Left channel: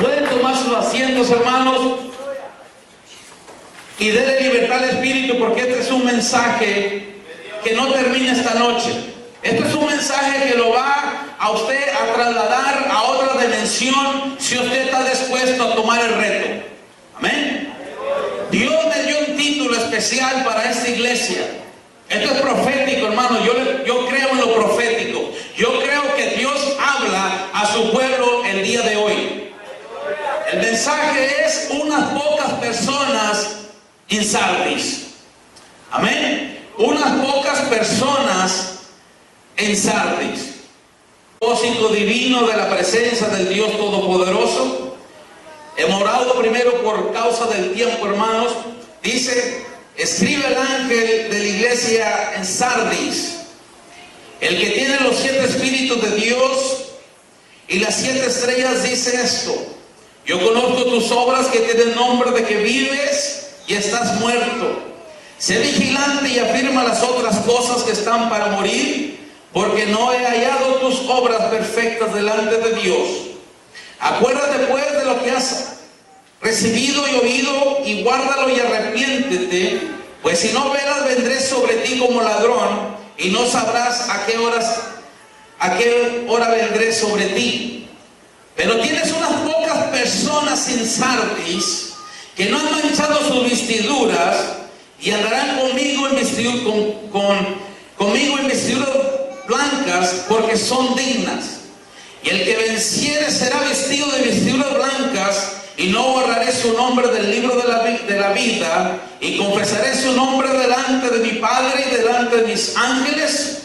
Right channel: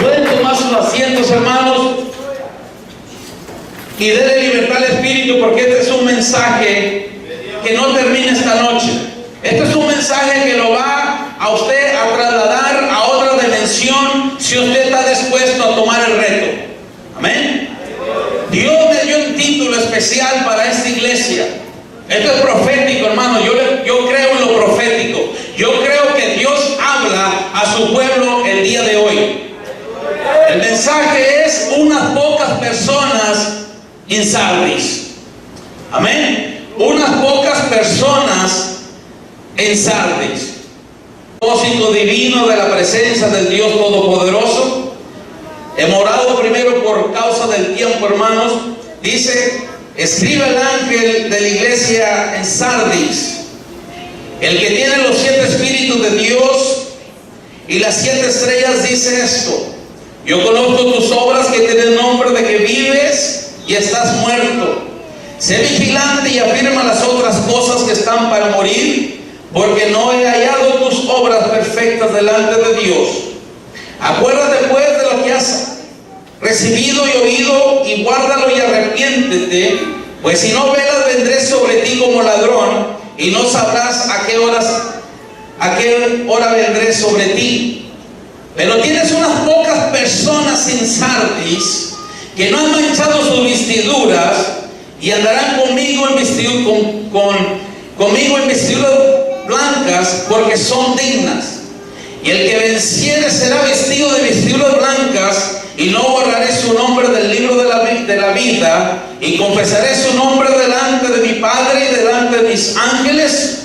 Pueden tomar sus asientos, hermanos, y denle libertad al Espíritu, porque este es un mensaje que no termina esta noche. Este es un mensaje que lo va a usted a trasladar a otra dimensión si usted está dispuesto a tomar el reto. Amén. Dios me dio un título especial para esta iglesia. Esto es profético, hermano. Yo creo en lo profético. Yo creo que Dios habla a su pueblo el día de hoy. El mensaje es unas pocas personas en Sardis. Amén. Unas pocas personas en Sardis. Propósito divino de la presencia del Dios Todopoderoso. Hemos orado primero por causa del tiempo, hermanos. Dice: escribe el ángel de la iglesia en Sardis, el que tiene los 7 espíritus de Dios y las 7 estrellas, dice esto: yo conozco tus obras, que tienen nombre de que vives y estás muerto. Sé vigilante y afirma las otras cosas que están para morir, porque no he hallado tus obras perfectas delante de Dios. Acuérdate pues de lo que has recibido y oído, y guárdalo y arrepiéntete, pues si no velas vendré sobre ti como ladrón, y no sabrás a qué hora vendré sobre ti. Pero tienes unas pocas personas en Sardis que no han manchado sus vestiduras y andarán conmigo en vestiduras blancas, porque son dignas. Y el que venciere será vestido de vestiduras blancas, y no borraré su nombre del libro de la vida, y confesaré su nombre delante de mi Padre y delante de mis ángeles.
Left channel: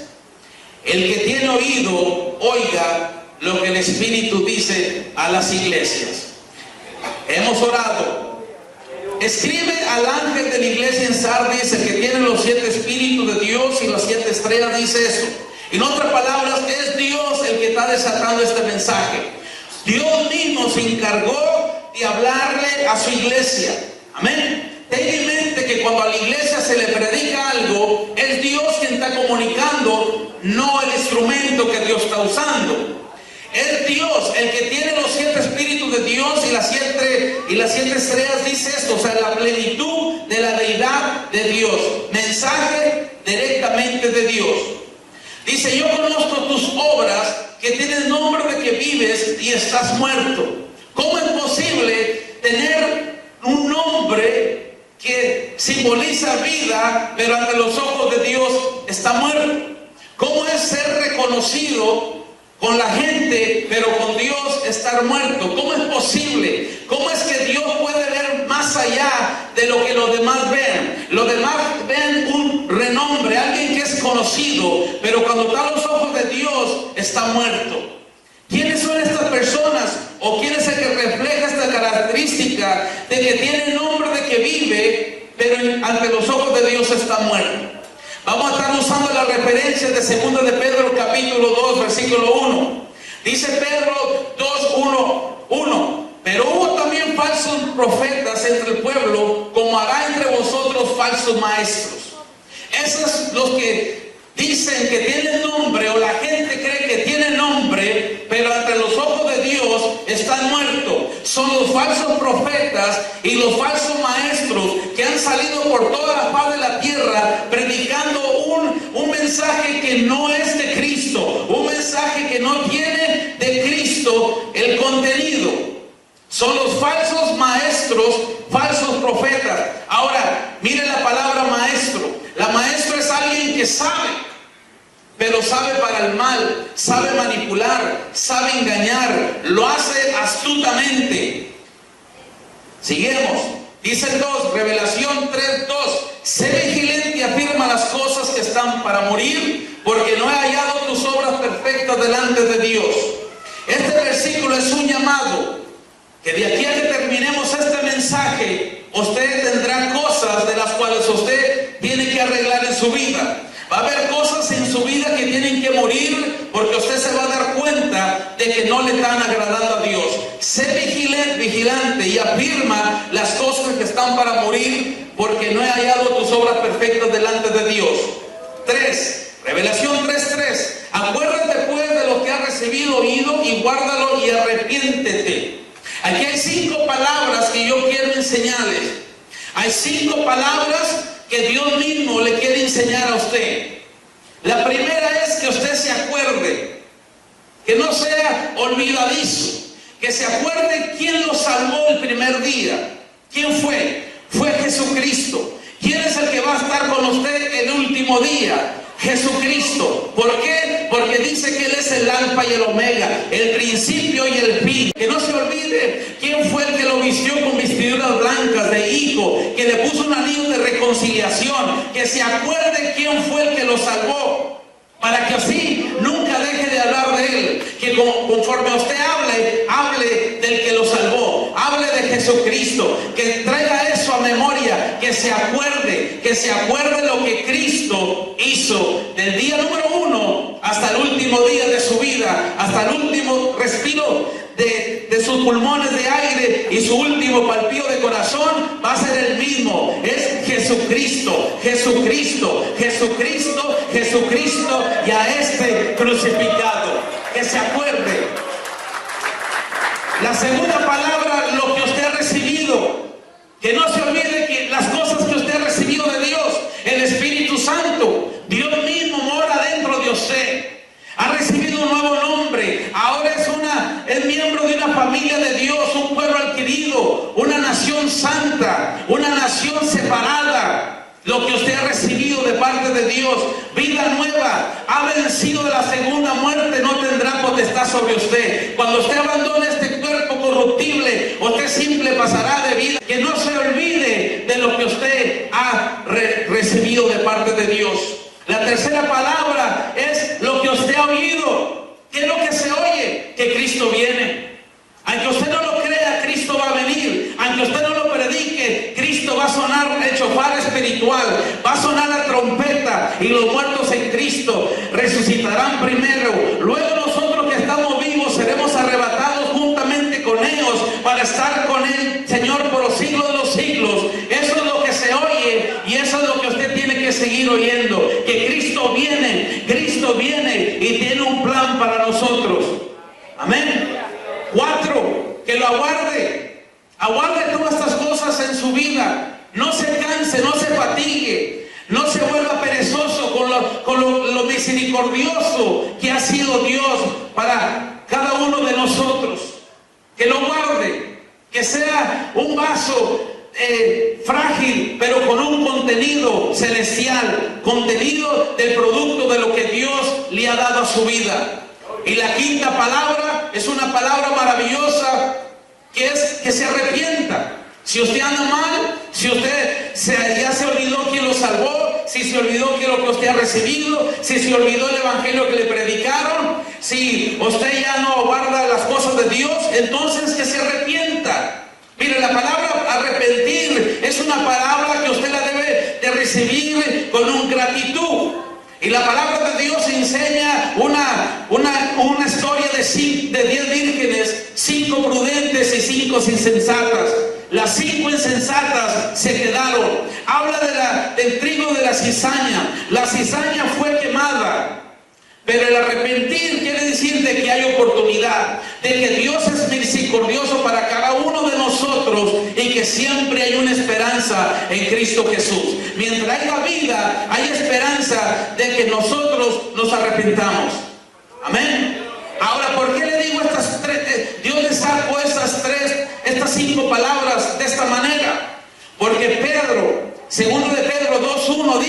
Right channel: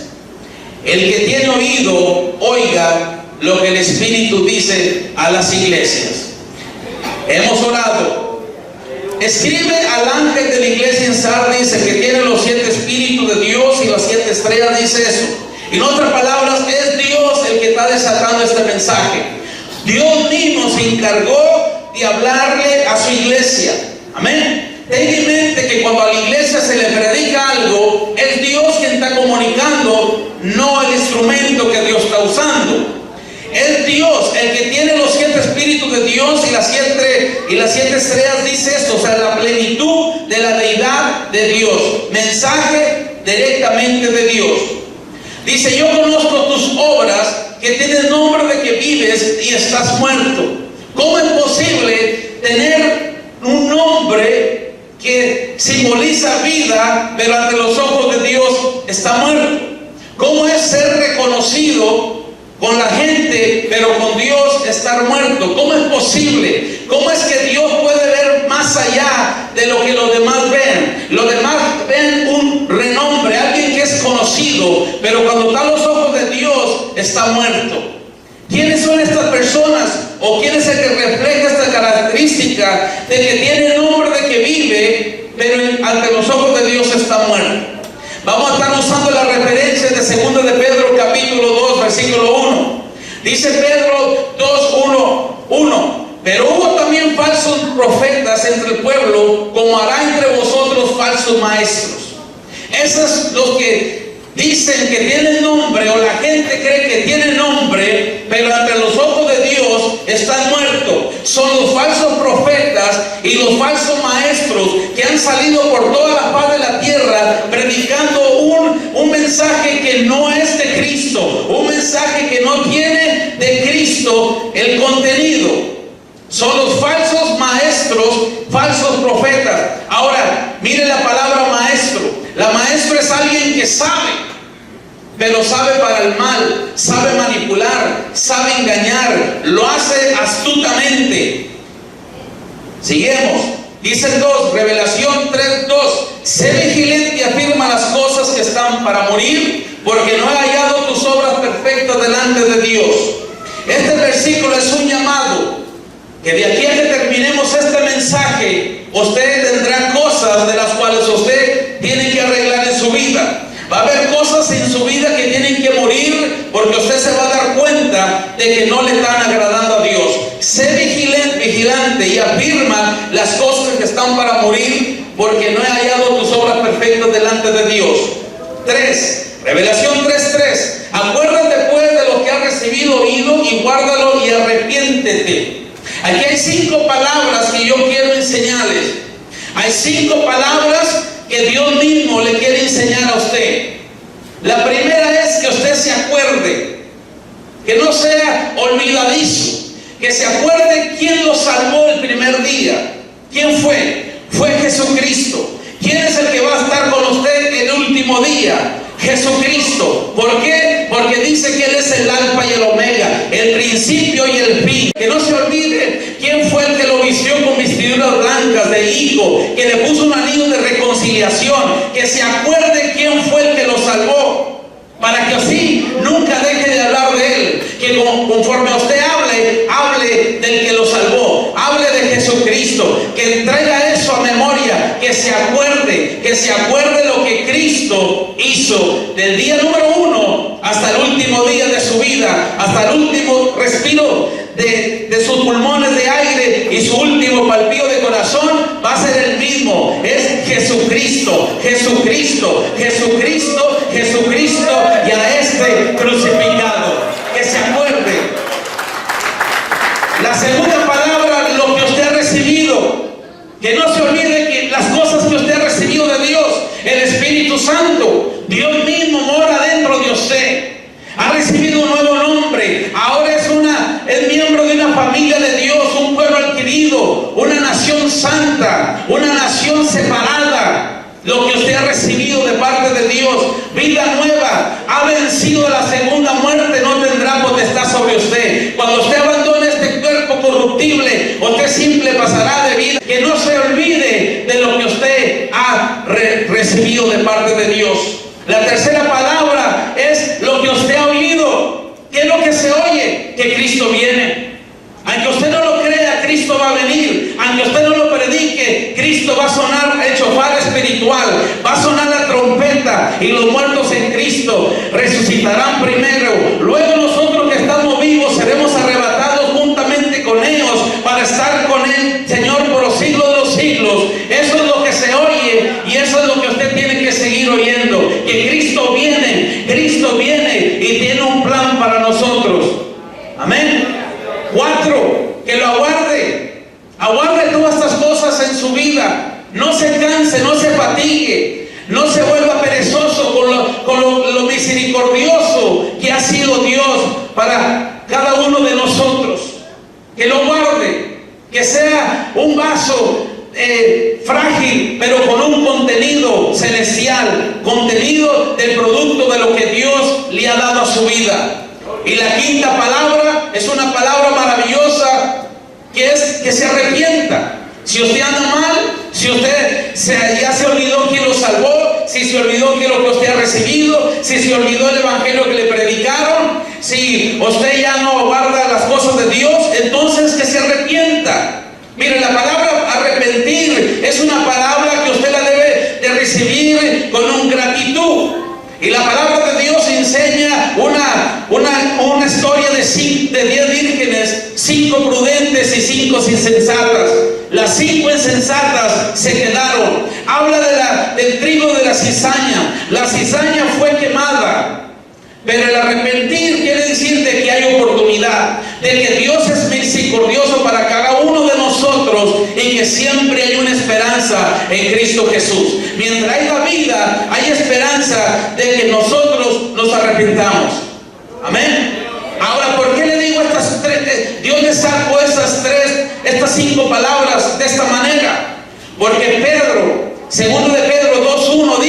El que tiene oído, oiga lo que el Espíritu dice a las iglesias. Hemos orado. Escribe al ángel de la iglesia en Sardis, el que tiene los 7 espíritus de Dios y las 7 estrellas, dice eso. En otras palabras, es Dios el que está desatando este mensaje. Dios mismo se encargó de hablarle a su iglesia. Amén. Ten en mente que cuando a la iglesia se le predica algo, es Dios quien está comunicando, no el instrumento que Dios está usando. Es Dios el que tiene los 7 espíritus de Dios y las 7 estrellas, dice esto, o sea, la plenitud de la deidad de Dios. Mensaje directamente de Dios. Dice: yo conozco tus obras, que tienen nombre de que vives y estás muerto. ¿Cómo es posible tener un nombre que simboliza vida, pero ante los ojos de Dios está muerto? ¿Cómo es ser reconocido con la gente, pero con Dios estar muerto? ¿Cómo es posible? ¿Cómo es que Dios puede ver más allá de lo que los demás ven? Los demás ven un renombre, alguien que es conocido, pero cuando está a los ojos de Dios está muerto. ¿Quiénes son estas personas? ¿O quién es el que refleja esta característica de que tiene nombre de que vive, pero ante los ojos de Dios está muerto? Vamos a estar usando la referencia de 2 de Pedro capítulo 2 versículo 1. Dice Pedro 2:1. Pero hubo también falsos profetas entre el pueblo, como hará entre vosotros falsos maestros. Esos los que dicen que tienen nombre, o la gente cree que tienen nombre, pero ante los ojos de Dios están muertos. Son los falsos profetas y los falsos maestros que han salido por toda la faz de la tierra predicando un mensaje que no es de Cristo, un mensaje que no tiene de Cristo el contenido. Son los falsos maestros, falsos profetas. Ahora, mire la palabra maestro. La maestro es alguien que sabe, pero sabe para el mal, sabe manipular, sabe engañar, lo hace astutamente. Seguimos. Dice el 2, Revelación 3:2. Sé vigilante y afirma las cosas que están para morir, porque no he hallado tus obras perfectas delante de Dios. Este versículo es un llamado que de aquí a que terminemos este mensaje, usted tendrá cosas de las cuales usted tiene que arreglar en su vida. Va a haber cosas en su vida que tienen que morir, porque usted se va a dar cuenta de que no le están agradando a Dios. Sé vigilante y afirma las cosas que están para morir, porque no he hallado tus obras perfectas delante de Dios. 3. Revelación 3:3. Acuérdate pues de lo que has recibido, oído, y guárdalo y arrepiéntete. Aquí hay 5 palabras que yo quiero enseñarles. Hay 5 palabras que Dios mismo le quiere enseñar a usted. La primera es que usted se acuerde, que no sea olvidadizo, que se acuerde quién lo salvó el primer día. ¿Quién fue? Fue Jesucristo. ¿Quién es el que va a estar con usted el último día? Jesucristo. ¿Por qué? Porque dice que Él es el alfa y el omega, el principio y el fin. Que no se olvide quién fue el que lo vistió con vestiduras blancas de hijo, que le puso un anillo de reconciliación. Que se acuerde quién fue el que lo salvó, para que así nunca deje de hablar de Él. Que conforme a usted hable del que lo salvó, hable de Jesucristo, que traiga eso a memoria, que se acuerde lo que Cristo hizo del día número 1 hasta el último día de su vida, hasta el último respiro de sus pulmones de aire y su último palpito de corazón va a ser el mismo. Es Jesucristo, Jesucristo, Jesucristo, Jesucristo y a este crucificado. Que se acuerde. La segunda palabra, lo que usted ha recibido. Que no se olvide que las cosas que usted ha recibido de Dios, el Espíritu Santo, Dios mismo mora dentro de usted. Ha recibido un nuevo nombre. Ahora es miembro de una familia de Dios, un pueblo adquirido, una nación santa, una nación separada. Lo que usted ha recibido de parte de Dios, vida nueva, ha vencido la segunda muerte, no tendrá potestad sobre usted. Cuando usted abandone este cuerpo corruptible, usted simple pasará de vida. Que no se olvide de lo que usted ha recibido de parte de Dios. La tercera palabra es lo que usted ha oído. ¿Qué es lo que se oye? Que Cristo viene. Aunque usted no lo crea, Cristo va a venir. Aunque usted no lo predique, Cristo va a sonar el chofar espiritual, va a sonar la trompeta, y los muertos en Cristo resucitarán primero. Luego nosotros que estamos vivos seremos arrebatados juntamente con ellos para estar con el Señor por los siglos de los siglos. Eso es lo que se oye, y eso es lo que usted tiene que seguir oyendo. Que Cristo viene y tiene un plan para nosotros. Amén. 4, que lo aguarde. Aguarde todas estas cosas en su vida. No se canse, no se fatigue, no se vuelva perezoso con lo misericordioso que ha sido Dios para cada uno de nosotros. Que lo guarde, que sea un vaso frágil, pero con un contenido celestial, contenido del producto de lo que Dios le ha dado a su vida. Y la quinta palabra es una palabra maravillosa, que es que se arrepienta. Si usted anda mal, si usted ya se olvidó quién lo salvó, si se olvidó que lo que usted ha recibido, si se olvidó el evangelio que le predicaron, si usted ya no guarda las cosas de Dios, entonces que se arrepienta. Mire, la palabra arrepentir es una palabra que usted la debe de recibir con gratitud. Y la palabra de Dios enseña una historia de 10 vírgenes, 5 prudentes y 5 insensatas. Las 5 insensatas se quedaron. Habla del trigo de la cizaña. La cizaña fue quemada. Pero el arrepentir quiere decir de que hay oportunidad, de que Dios es misericordioso para cada uno de nosotros y que siempre hay una esperanza en Cristo Jesús. Mientras haya vida, hay esperanza de que nosotros nos arrepentamos. Amén. Ahora, ¿por qué le digo estas 3? Dios le sacó estas 5 palabras de esta manera. Porque Pedro, segundo de Pedro 2:1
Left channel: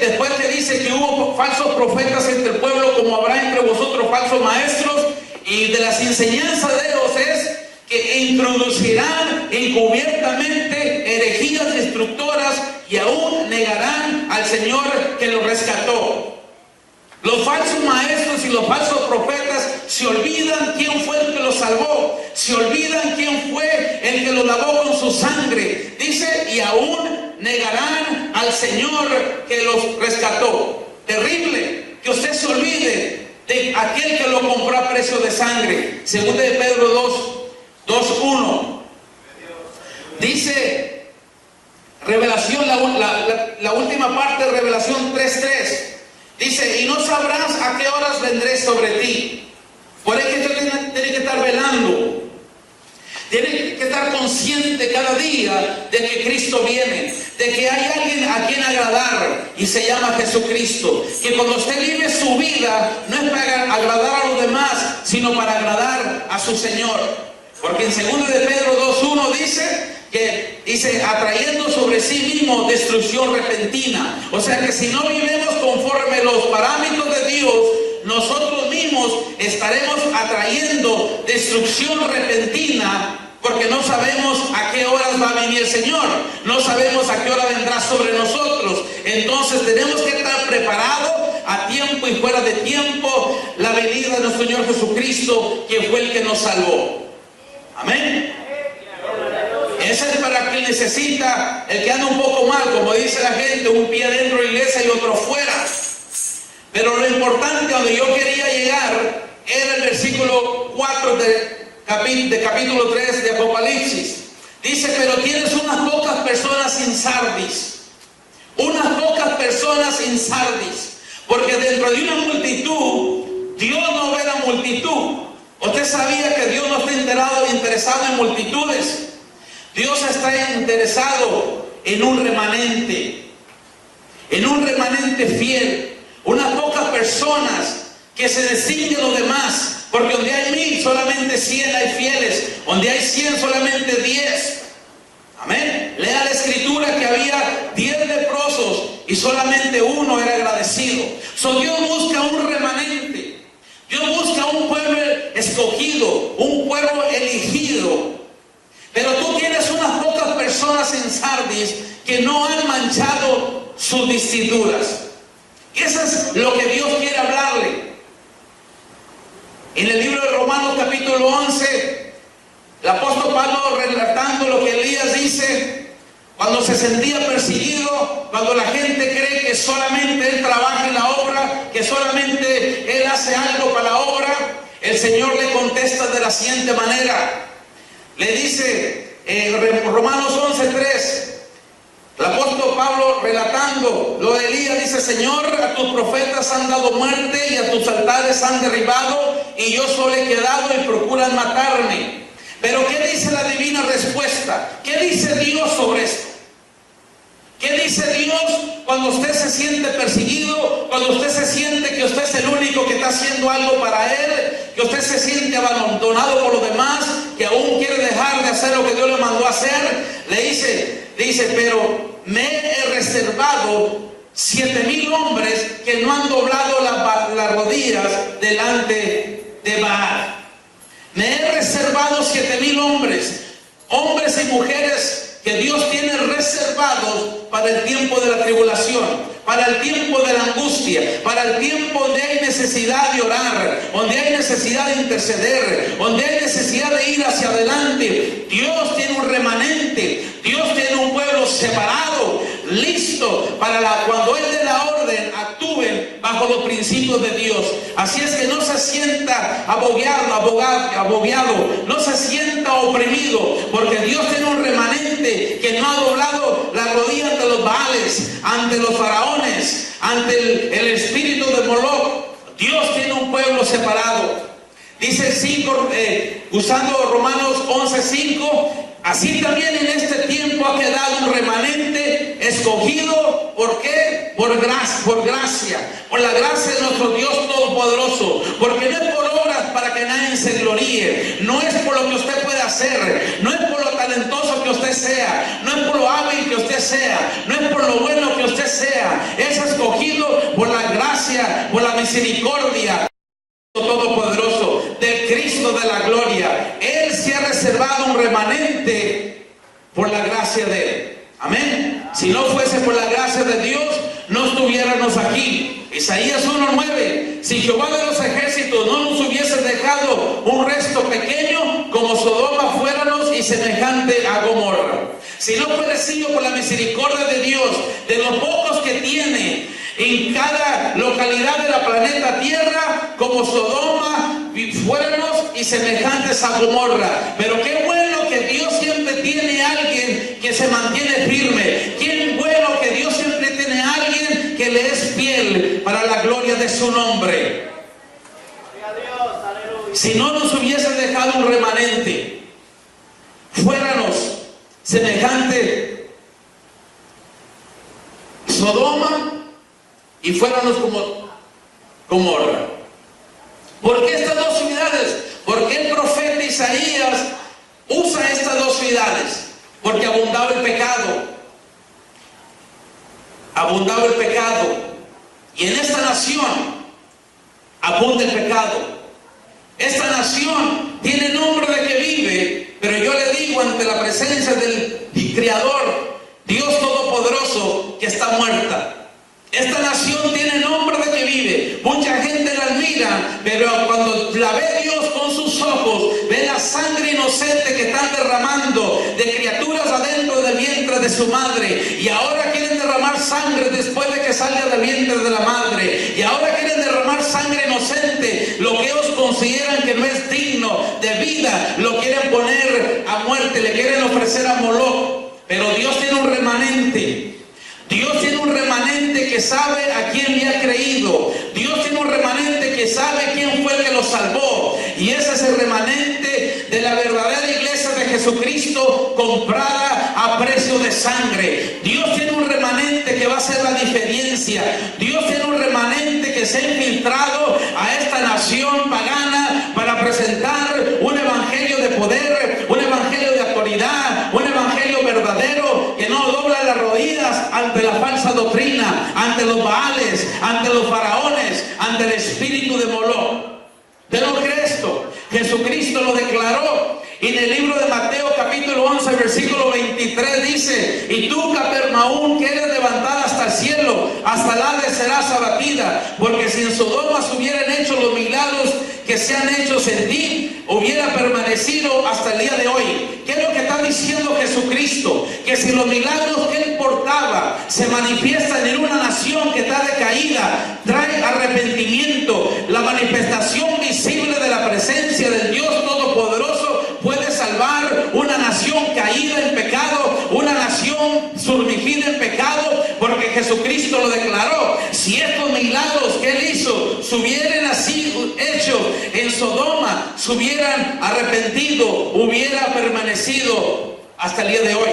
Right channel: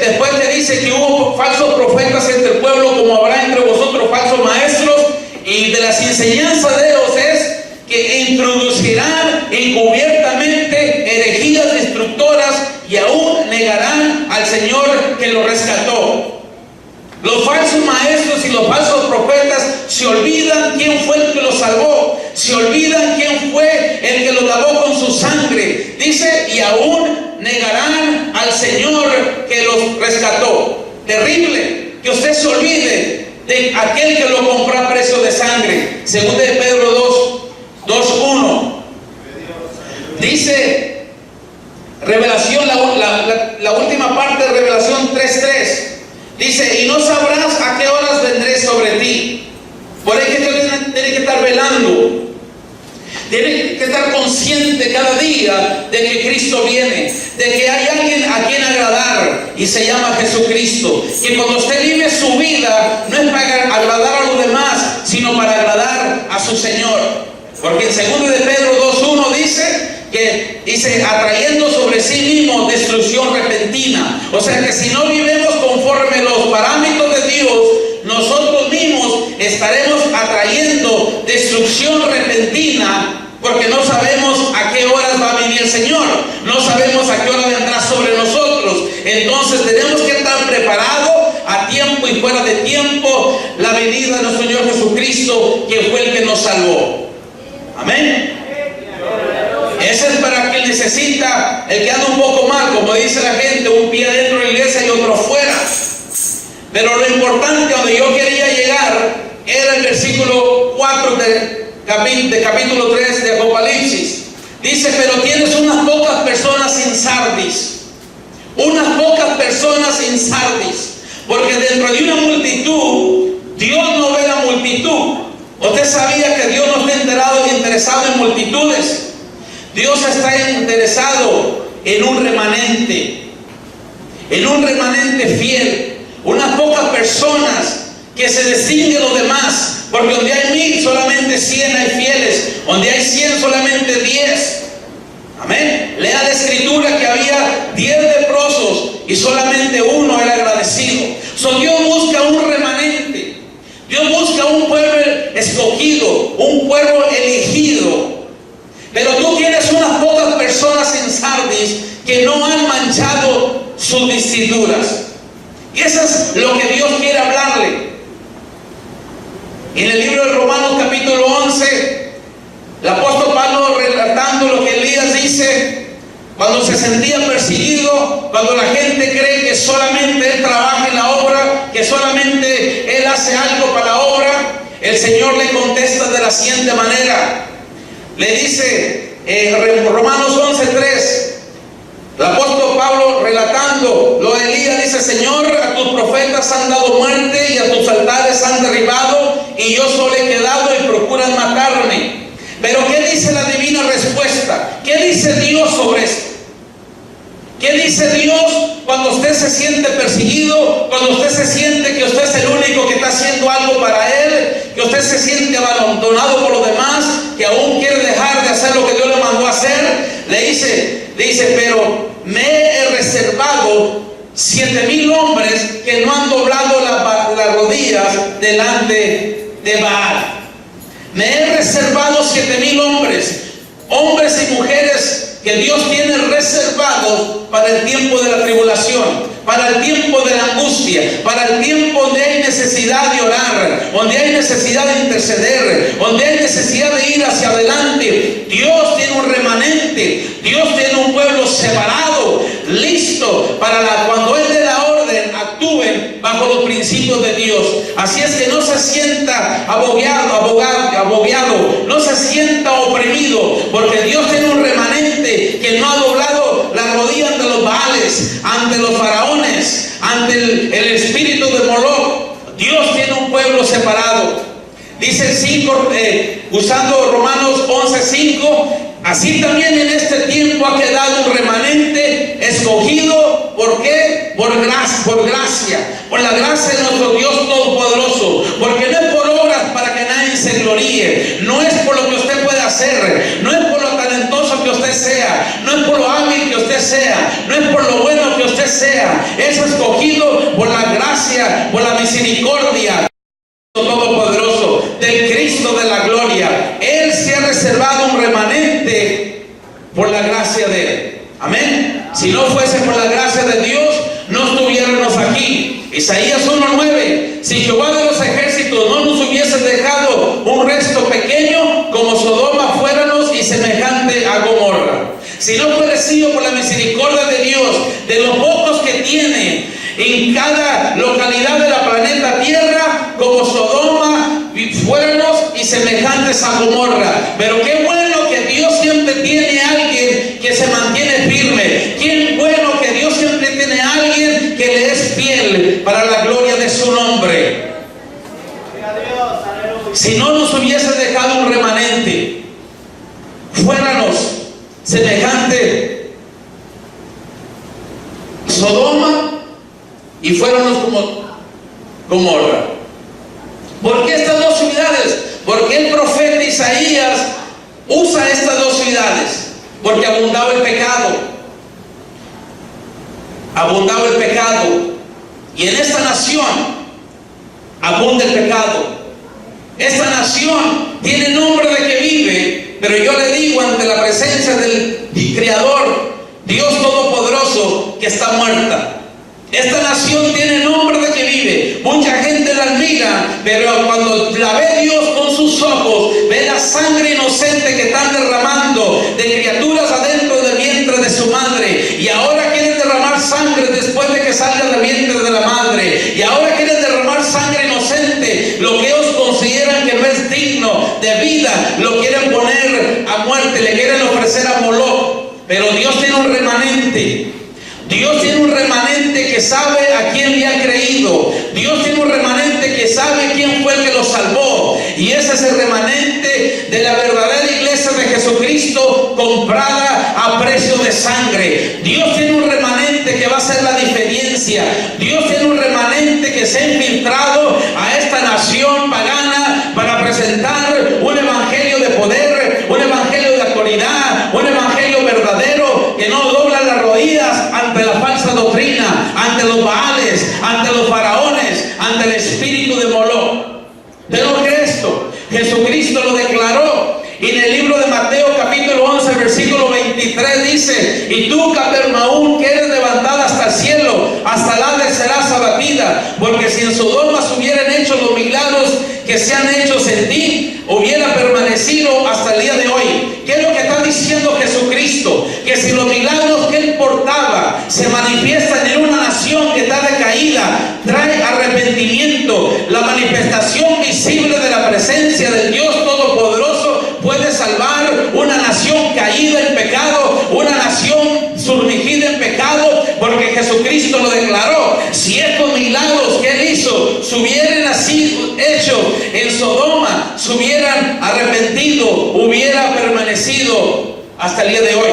después le dice que hubo falsos profetas entre el pueblo, como habrá entre vosotros falsos maestros, y de las enseñanzas de ellos es que introducirán encubiertamente herejías destructoras y aún negarán al Señor que lo rescató. Los falsos maestros y los falsos profetas se olvidan quién fue el que los salvó, se olvidan quién fue el que los lavó con su sangre. Dice, y aún negarán al Señor que los rescató. Terrible que usted se olvide de aquel que lo compró a precio de sangre. Segunda de Pedro 2:1 dice, Revelación, la última parte de Revelación 3:3. Dice, y no sabrás a qué horas vendré sobre ti. Por ahí que usted tiene que estar velando. Tiene que estar consciente cada día de que Cristo viene, de que hay alguien a quien agradar y se llama Jesucristo. Que cuando usted vive su vida no es para agradar a los demás, sino para agradar a su Señor. Porque en 2 de Pedro 2:1 dice atrayendo sobre sí mismo destrucción repentina. O sea que si no vivimos conforme los parámetros de Dios, nosotros mismos estaremos atrayendo destrucción repentina, porque no sabemos a qué horas va a venir el Señor, no sabemos a qué hora vendrá sobre nosotros. Entonces tenemos que estar preparados a tiempo y fuera de tiempo la venida de nuestro Señor Jesucristo, que fue el que nos salvó. Amén. Ese es para el que necesita, el que anda un poco mal, como dice la gente, un pie dentro de la iglesia y otro fuera. Pero lo importante, donde yo quería llegar, era el versículo 4 de capítulo 3 de Apocalipsis. Dice, pero tienes unas pocas personas en Sardis. Unas pocas personas en Sardis. Porque dentro de una multitud, Dios no ve la multitud. Usted sabía que Dios no está interesado en multitudes. Dios está interesado en un remanente fiel. Unas pocas personas que se distinguen de los demás. Porque donde hay 1000, solamente 100 hay fieles. Donde hay 100, solamente 10. Amén. Lea la escritura que había 10 leprosos y solamente uno era agradecido. Dios busca un remanente. Dios busca un pueblo escogido, un pueblo elegido. Pero tú tienes unas pocas personas en Sardis que no han manchado sus vestiduras. Y eso es lo que Dios quiere hablarle. En el libro de Romanos capítulo 11, el apóstol Pablo, relatando lo que Elías dice, cuando se sentía perseguido, cuando la gente cree que solamente él trabaja en la obra, que solamente él hace algo para la obra, el Señor le contesta de la siguiente manera. Le dice, Romanos 11:3, el apóstol Pablo relatando lo de Elías, dice, Señor, a tus profetas han dado muerte y a tus altares han derribado, y yo solo he quedado y procuran matarme. Pero ¿qué dice la divina respuesta? ¿Qué dice Dios sobre esto? ¿Qué dice Dios cuando usted se siente perseguido? Cuando usted se siente que usted es el único que está haciendo algo para Él, que usted se siente abandonado por los demás, que aún quiere dejar de hacer lo que Dios le mandó a hacer. Le dice, pero me he reservado 7000 hombres que no han doblado las rodillas delante de Baal. Me he reservado 7000 hombres y mujeres que Dios tiene reservados para el tiempo de la tribulación, para el tiempo de la angustia, para el tiempo donde hay necesidad de orar, donde hay necesidad de interceder, donde hay necesidad de ir hacia adelante. Dios tiene un remanente, Dios tiene un pueblo separado, listo para cuando Él dé la orden, actúen bajo los principios de Dios. Así es que no se sienta abogiado, no se sienta oprimido, porque Dios tiene un remanente que no ha doblado la rodilla ante los Baales, ante los faraones, ante el espíritu de Moloch. Dios tiene un pueblo separado. Dice 5, usando Romanos 11:5, así también en este tiempo ha quedado un remanente escogido. ¿Por qué? Por gracia, por la gracia de nuestro Dios Todopoderoso. Porque no es por obras para que nadie se gloríe, no es por lo que usted puede hacer, no es por lo talentoso que usted sea, no es por lo hábil que usted sea, no es por lo bueno que usted sea. Es escogido por la gracia, por la misericordia Todopoderoso, del Cristo de la gloria. Él se ha reservado un remanente por la gracia de Él. Amén. Si no fuese por la gracia de Dios, no estuviéramos aquí. Isaías 1:9, si Jehová de los ejércitos no nos hubiese dejado un resto pequeño, como Sodoma fuéramos y semejante a Gomorra. Si no fuera sido por la misericordia de Dios, de los pocos que tiene en cada localidad de la planeta Tierra, como Sodoma fuéramos y semejantes a Gomorra. Pero qué bueno que Dios siempre tiene a alguien que se mantiene firme. Qué bueno que Dios siempre tiene a alguien que le es fiel para la gloria de su nombre. Si no nos hubiese dejado un remanente, ante Sodoma y fuéramos como Gomorra. ¿Por qué estas dos ciudades? Porque el profeta Isaías usa estas dos ciudades. Porque abundaba el pecado. Abundaba el pecado. Y en esta nación abunda el pecado. Esta nación tiene nombre de que vive, pero yo le digo ante la presencia del Creador, Dios Todopoderoso, que está muerta. Esta nación tiene nombre de que vive. Mucha gente la admira, pero cuando la ve Dios con sus ojos, ve la sangre inocente que están derramando de criaturas adentro del vientre de su madre. Y ahora quieren derramar sangre después de que salga del vientre de la madre. Y ahora quieren derramar sangre inocente. Lo que ellos consideran que no es digno de vida, lo quieren poner a muerte, le quieren ofrecer a Moloch. Pero Dios tiene un remanente. Dios tiene un remanente que sabe a quién le ha creído. Dios tiene un remanente que sabe quién fue el que lo salvó. Y ese es el remanente de la verdadera iglesia de Jesucristo, comprada a precio de sangre. Dios tiene un remanente que va a hacer la diferencia. Dios tiene un remanente que se ha infiltrado a esta nación pagana para presentar un evangelio de poder, un evangelio de autoridad, un evangelio verdadero que no dobla las rodillas ante la falsa doctrina, ante los baales, ante los faraones, ante el espíritu de Moloch. ¿De lo que esto? Jesucristo lo declaró. Y en el libro de Mateo capítulo 11 versículo 23 dice: y tú, Capernaum, que eres levantada hasta el cielo, hasta el Hades serás abatida, porque si en Sodoma se hubieran hecho los milagros que se han hecho en ti, hubiera permanecido hasta el día de hoy. ¿Qué es lo que está diciendo Jesucristo? Que si los milagros que él portaba se manifiestan en una nación que está decaída, trae arrepentimiento, la manifestación visible de la presencia del Dios Todopoderoso puede salvar una nación caída en pecado, una nación sumergida en pecado, porque Jesucristo lo declaró. Si estos milagros que él hizo se hubieran así hecho en Sodoma, se hubieran arrepentido, hubiera permanecido hasta el día de hoy.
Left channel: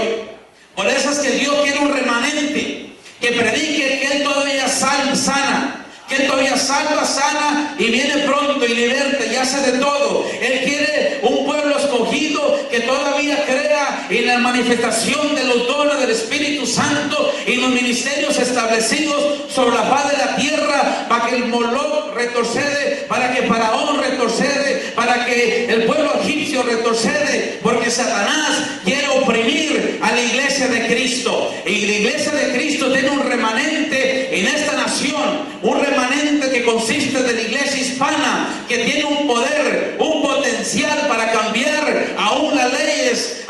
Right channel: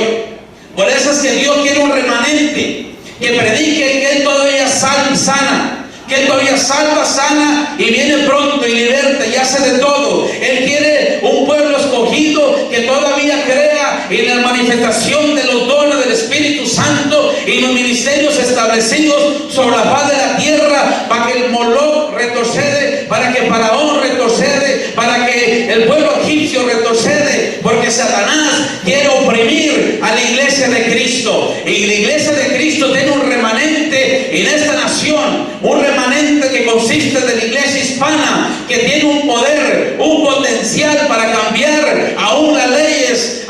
Por eso es que Dios quiere un remanente que predique que él todavía sana, que él todavía salva, sana y viene pronto y liberta y hace de todo. Él quiere un pueblo escogido que todavía crea en la manifestación de los dones del Espíritu Santo y los ministerios establecidos sobre la faz de la tierra, para que el Moloch retrocede, para que Faraón retrocede, para que el pueblo egipcio retrocede, porque Satanás quiere oprimir a la iglesia de Cristo. Y la iglesia de Cristo tiene un remanente en esta nación, un remanente que consiste de la iglesia hispana, que tiene un poder, un potencial para cambiar aún las leyes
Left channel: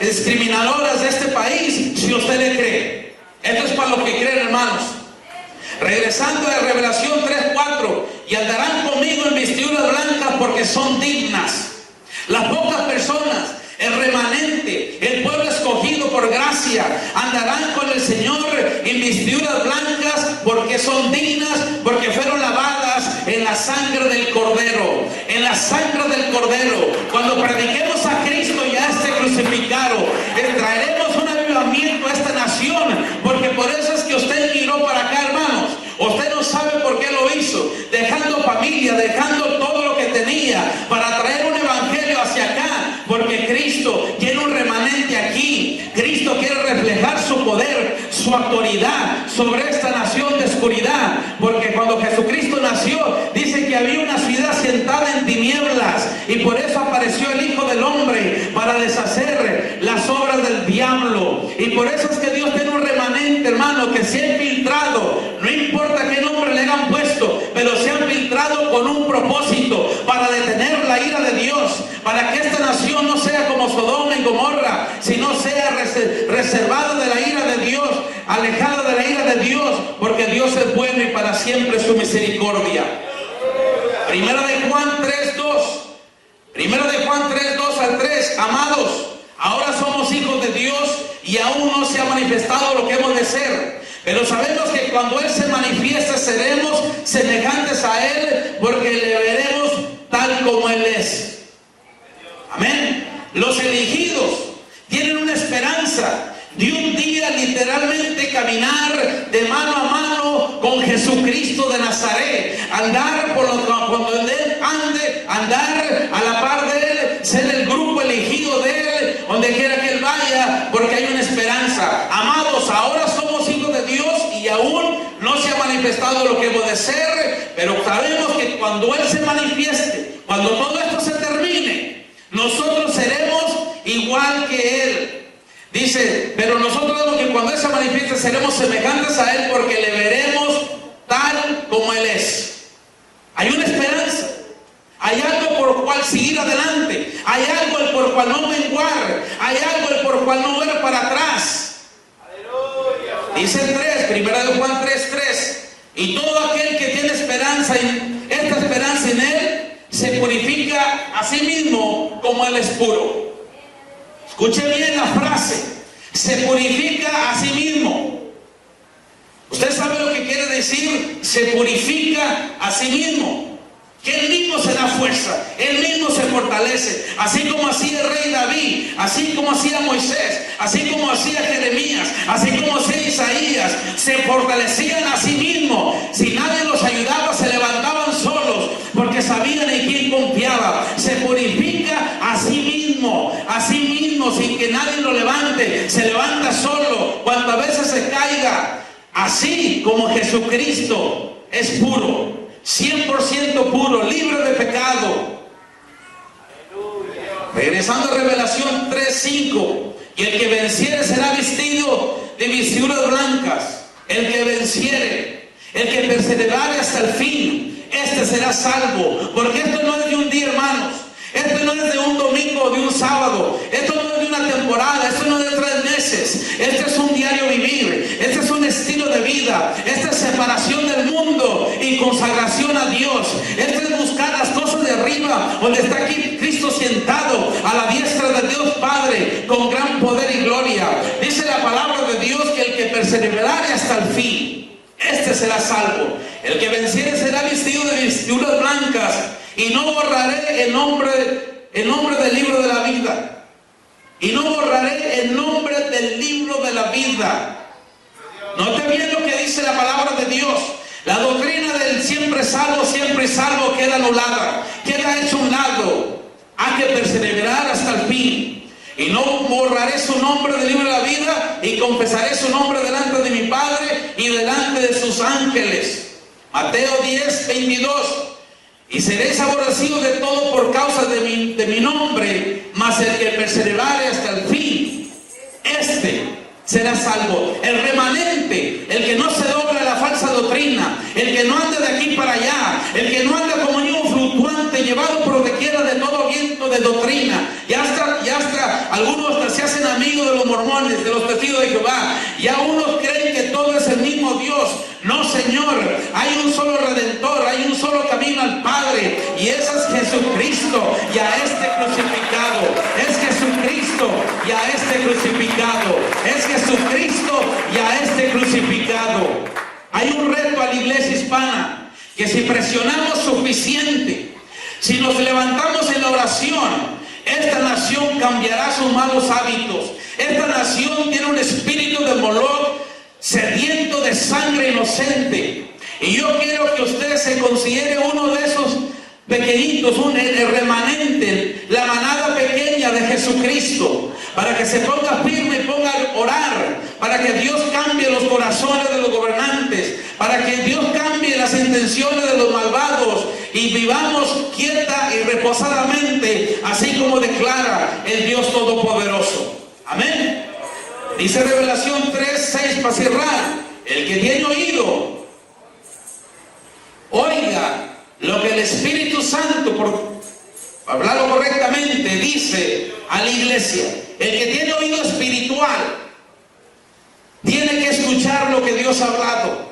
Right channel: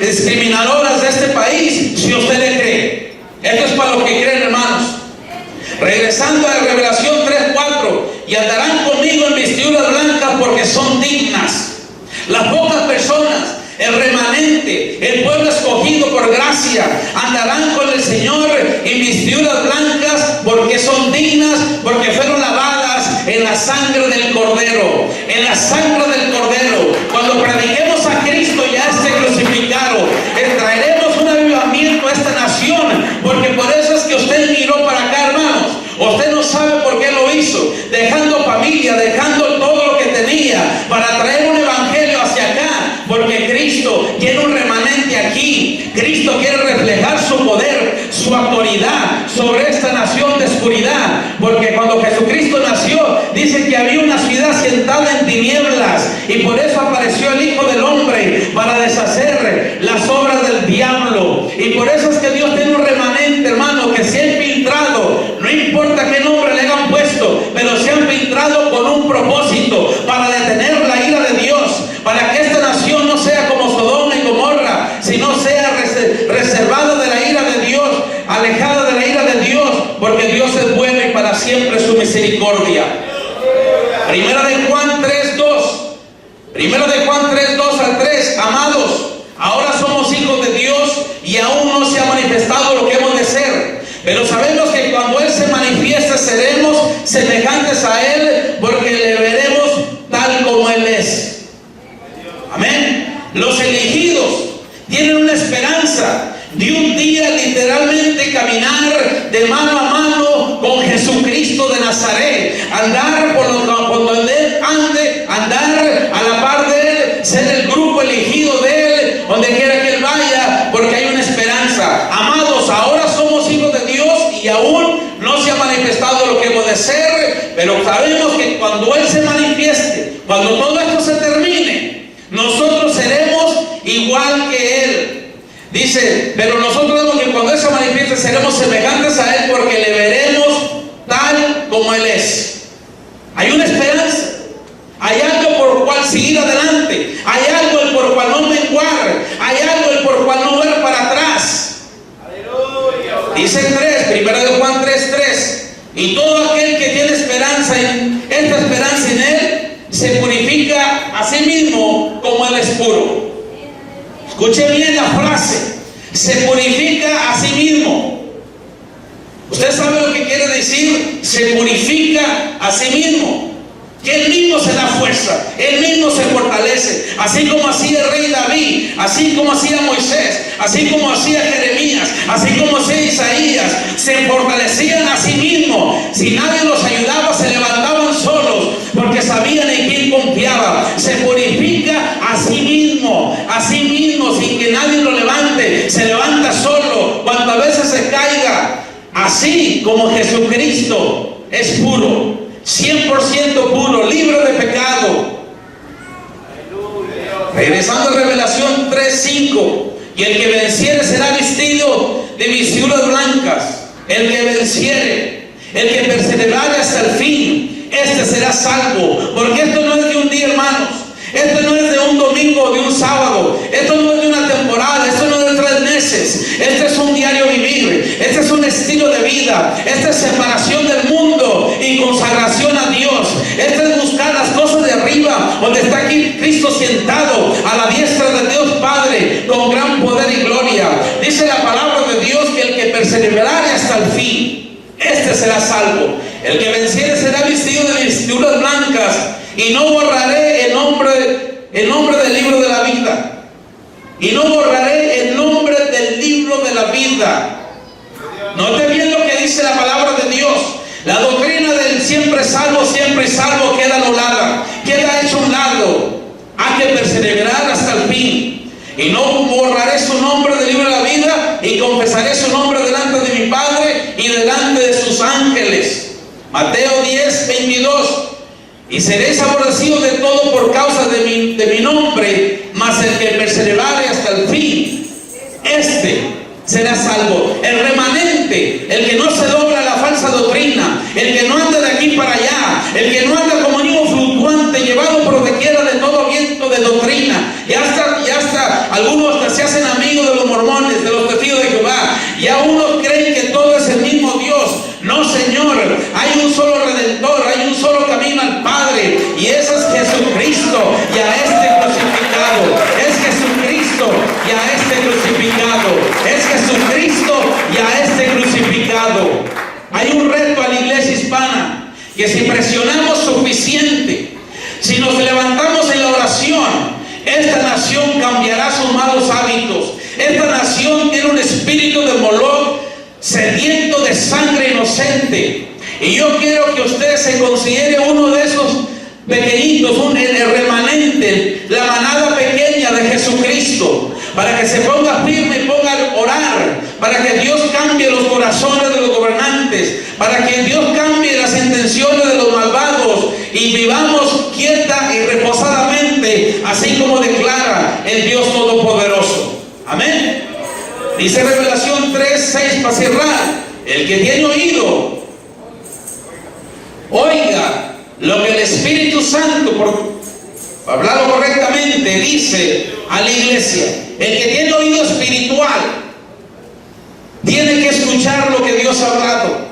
discriminadoras de este país, si usted le cree. Esto es para los que creen, hermanos. Regresando a Revelación 3:4, y andarán conmigo en vestiduras blancas porque son dignas. Las pocas personas, el remanente, el pueblo escogido por gracia, andarán con el Señor en vestiduras blancas porque son dignas, porque fueron lavadas en la sangre del Cordero, en la sangre del Cordero. Cuando prediquemos a Cristo ya esté crucificado, traeremos un avivamiento a esta nación, porque por eso es que usted miró para acá, hermanos. Usted no sabe por qué lo hizo, dejando familia, dejando todo lo que tenía para traer un evangelio hacia acá, porque Cristo tiene un remanente aquí. Cristo quiere reflejar su poder, su autoridad sobre esta nación de oscuridad, porque cuando Jesucristo nació, dice que había una ciudad sentada en tinieblas, y por eso apareció el Hijo del Hombre, para deshacer las obras del diablo. Y por eso es que Dios tiene un remanente, hermano, que se ha infiltrado. No importa qué nombre le hayan puesto, pero se han filtrado con un propósito, para detener la ira de Dios, para que esta nación no sea como Sodoma y Gomorra, sino sea reservada de la ira de Dios, alejada de la ira de Dios, porque Dios es bueno y para siempre su misericordia. Primera de Juan 3:2. Primera de Juan 3:2 al 3. Amados, ahora somos hijos de Dios y aún no se ha manifestado lo que hemos de ser. Pero sabemos que cuando Él se manifieste seremos semejantes a Él, porque le veremos tal como Él es. Amén. Los elegidos tienen una esperanza, de un día literalmente caminar de mano a mano con Jesucristo de Nazaret, andar por donde Él ande, andar a la par de Él, ser el grupo elegido de Él, donde quiera que Él vaya, porque hay una esperanza. Amados, ahora somos hijos de Dios y aún no se ha manifestado lo que hemos de ser, pero sabemos que cuando Él se manifieste, cuando todo esto se termine, nosotros seremos igual que Él. Dice, pero nosotros vemos que cuando Él se manifieste seremos semejantes a Él, porque le veremos tal como Él es. Hay una esperanza, hay algo por cual seguir adelante, hay algo por cual no menguar, hay algo por cual no ver para atrás. Aleluya. Dice 1 Juan 3:3, y todo aquel que tiene esperanza esta esperanza en Él, se purifica a sí mismo como Él es puro. Escuche bien la frase, se purifica a sí mismo. ¿Usted sabe lo que quiere decir? Se purifica a sí mismo. Que Él mismo se da fuerza, Él mismo se fortalece, así como hacía el rey David, así como hacía Moisés, así como hacía Jeremías, así como hacía Isaías, se fortalecían a sí mismos. Si nadie los ayudaba, se levantaban solos, porque sabían en quién confiaban. Se purifica a sí mismo, sin que nadie lo levante, se levanta solo, cuantas veces se caiga, así como Jesucristo es puro, 100% puro, libre de pecado. Regresando a Revelación 3:5, y el que venciere será vestido de vestiduras blancas. El que venciere, el que perseverare hasta el fin, este será salvo. Porque esto no es de un día, hermanos. Esto no es de un domingo o de un sábado. Esto no es de una temporada. Esto no es de 3 meses. Este es un diario vivir. Este es un estilo de vida. Esta es separación del mundo y consagración a Dios. Este es buscar las cosas de arriba, donde está aquí Cristo sentado a la diestra de Dios Padre, con gran poder y gloria. Dice la palabra de Dios que el que perseverare hasta el fin, este será salvo. El que venciere será vestido de vestiduras blancas, y no borraré el nombre del libro de la vida. Y no borraré el nombre del libro de la vida. Note bien lo que dice la palabra de Dios. La doctrina del siempre y salvo queda anulada, queda hecho un lado. Hay que perseverar hasta el fin. Y no borraré su nombre del libro de la vida, y confesaré su nombre delante de mi Padre y delante de sus ángeles. Mateo 10:22. Y seréis aborrecidos de todo por causa de mi nombre, mas el que perseverare hasta el fin, este será salvo. El remanente, el que no se dobla a la falsa doctrina, el que no anda de aquí para allá, el que no anda como niño fluctuante, llevado por donde quiera de todo viento de doctrina. Ya hasta algunos hasta se hacen amigos de los mormones, de los testigos de Jehová. Ya unos creen que todo es el mismo Dios. No, Señor, hay un solo Redentor, hay un solo camino al Padre, y ese es Jesucristo, y a este crucificado. Es Jesucristo y a este crucificado. Es Jesucristo y a este crucificado. Hay un reto a la iglesia hispana, que si presionamos suficiente, si nos levantamos en la oración, esta nación cambiará sus malos hábitos. Esta nación tiene un espíritu de Moloch, sediento de sangre inocente. Y yo quiero que usted se considere uno de esos pequeñitos, el remanente, la manada pequeña de Jesucristo, para que se ponga firme y ponga a orar, para que Dios cambie los corazones de los gobernantes, para que Dios cambie las intenciones de los malvados, y vivamos quieta y reposadamente, así como declara el Dios Todopoderoso. Amén. Dice Revelación 3:6 para cerrar: el que tiene oído, oiga lo que el Espíritu Santo, por hablarlo correctamente, dice a la iglesia. El que tiene oído espiritual tiene que escuchar lo que Dios ha hablado.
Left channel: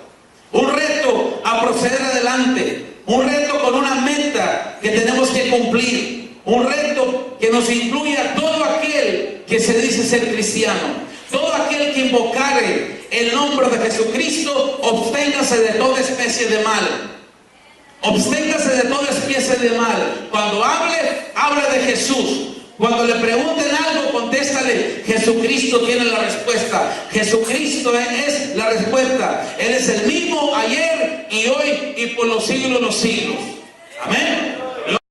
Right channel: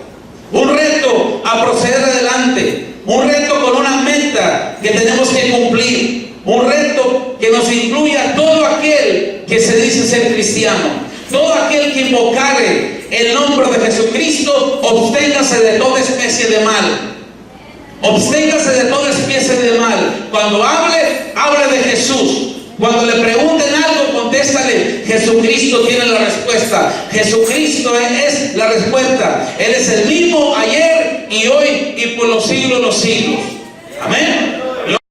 Un reto a proceder adelante, un reto con una meta que tenemos que cumplir, un reto que nos incluye a todo aquel que se dice ser cristiano. Todo aquel que invocare el nombre de Jesucristo, absténgase de toda especie de mal. Absténgase de toda especie de mal. Cuando hable de Jesús. Cuando le pregunten algo, contéstale, Jesucristo tiene la respuesta. Jesucristo es la respuesta. Él es el mismo ayer y hoy y por los siglos de los siglos. Amén.